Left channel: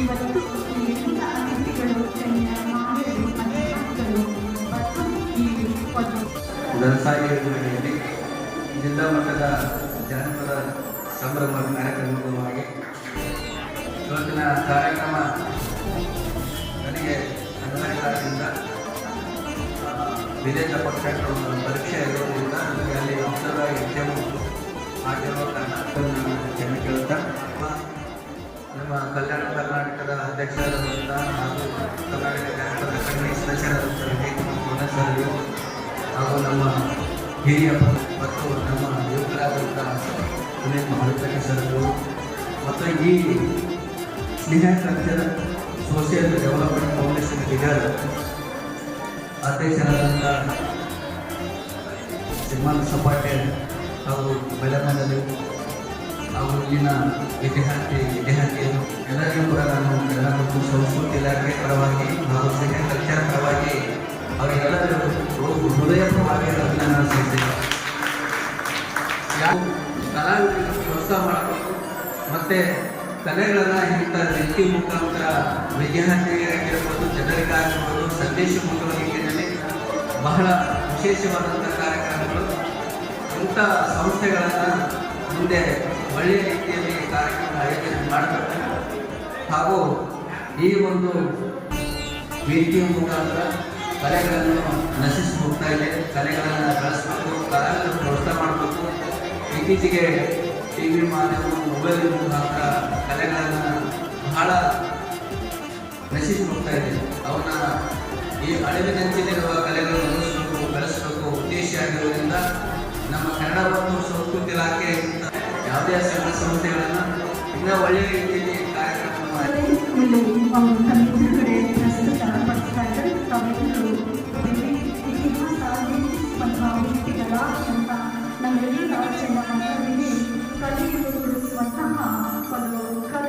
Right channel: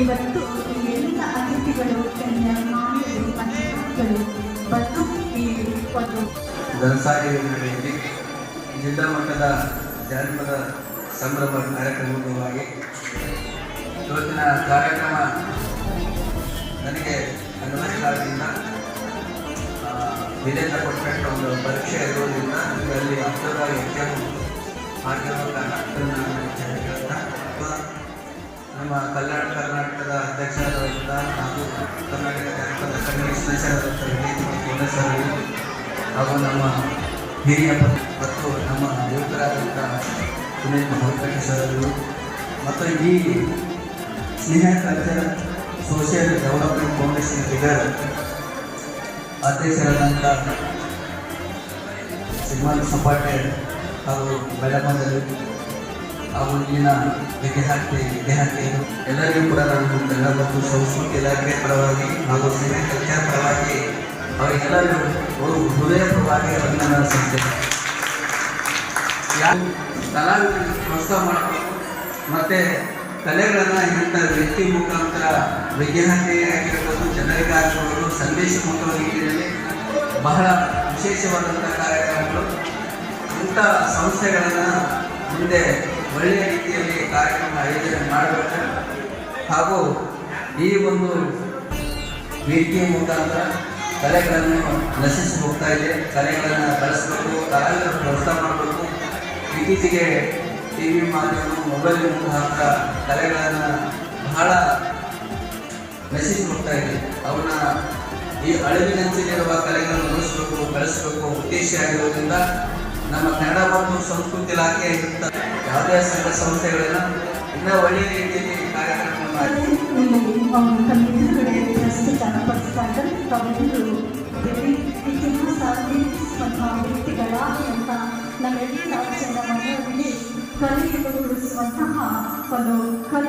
ಇವತ್ತು ವಿವಿಧ ಜಿಲ್ಲಾ ಮಟ್ಟದ ಜನಪದ ಸಂಭ್ರಮ ಕಾರ್ಯಕ್ರಮಕ್ಕೂ ಹಾಗೆ ಇವತ್ತಿನ ಕಾರ್ಯಕ್ರಮ ನನಗೆ ಕರ್ನಾಟಕದಿಂದ ವೀರೇಂದ್ರ ಪಟ್ಟಣ ಹಾಗೂ ನಮ್ಮ ಹಿರಿಯ ಮತ್ತು ನಮ್ಮ ಯುವಕರಾದಂಥ ಭಾರತಕ್ಕೆ ಸರ್ಗಳು ಮತ್ತು ಈ Sneha culture social development foundation figure ಅಧ್ಯಕ್ಷರಾದಂಥ ಶ್ರೀಮಾನ್ ಸುಬ್ಬಾಟೆ ಹಾಗೂ ಬೆಳಗಾವಿ ಹಾಗೂ ಇಲ್ಲಿನ ವಿದ್ಯಾರ್ಥಿ ವಿದ್ಯಾರ್ಥಿಗಳು ಎಲ್ಲರಿಗೂ ಕೂಡ ನಾನು ಎಲ್ಲ ಮತ್ತು ಸಂಸ್ಕೃತಿ ಇಲಾಖೆ ಪರವಾಗಿ ಹಾಗೂ ಸಿನಿಮಾ ಕಲ್ಚರ್ ಪರವಾಗಿ ಅವರಿಗೆಲ್ಲರೂ ಯಾವ ಕಲಾವಿದರಿಗೆ ಪ್ರೋತ್ಸಾಹ ಮಾಡಬೇಕು ಮತ್ತೆ ಕಲೆಗಳನ್ನ ವ್ಯಕ್ತಿ ಮುಖಾಂತರ ವಿದ್ಯಾರ್ಥಿಯಾಗಿರ್ಬೋದು ಜನರಿಗಾಗಿರ್ಬೋದು, ಸಂದೇಶ ಮುಖವಾಗಿ ಬಹಳ ವಿಶೇಷವಾದಂಥ ಕಾರ್ಯಕ್ರಮಗಳು. ಇಂಥ ಸಂಸ್ಥೆಗಳನ್ನು ಮುಂದೆ ಒಳ್ಳೆಯ ರೀತಿಯಲ್ಲಿ ಕಾರ್ಯಕ್ರಮ ಆಯೋಜನೆ ಮಾಡಬೇಕು. ಹಾಗೂ ಈ ಒಂದು ವೇದಿಕೆಯ ಮುಖಾಂತರ ಕಲೆಗಳನ್ನು ನಶಿಸಿ ಹೋಗ್ತಾ ಇದೆ. ಕಲೆಗಳನ್ನು ಬೆಳೆಸಬೇಕು, ಕಲೆಗಳನ್ನು ಪ್ರೋತ್ಸಾಹ ಮಾಡಬೇಕು. ಇತ್ತೀಚೆಗೆ ಟಿ ವಿ ಮಾಧ್ಯಮ ಮೊಬೈಲ್ ಮುಖಾಂತರ ಕಲೆಗಳನ್ನು ಬಹಳ ನಶಿಸಿ ಹೋಗ್ತಾ ಇದೆ. ಅವನ್ನ ಈ ಅಳಿವಿನಂಚಿನಿರುವ ಕಲೆಗಳನ್ನು ಉಳಿಸಬೇಕು ಬೆಳೆಸಬೇಕು, ಉದ್ದೇಶ ಆಗಿರುವುದರಿಂದ ನಮ್ಮ ಕನ್ನಡ ಮತ್ತು ಸಂಸ್ಕೃತಿ ಇಲಾಖೆ ಯಾವುದೇ ಸಂಘ ಸಂಸ್ಥೆಗಳನ್ನು ಇನ್ನೂ ಒಳ್ಳೆಯ ರೀತಿಯಲ್ಲಿ ಕಾರ್ಯಕ್ರಮ คนข้างหลังคนดูคน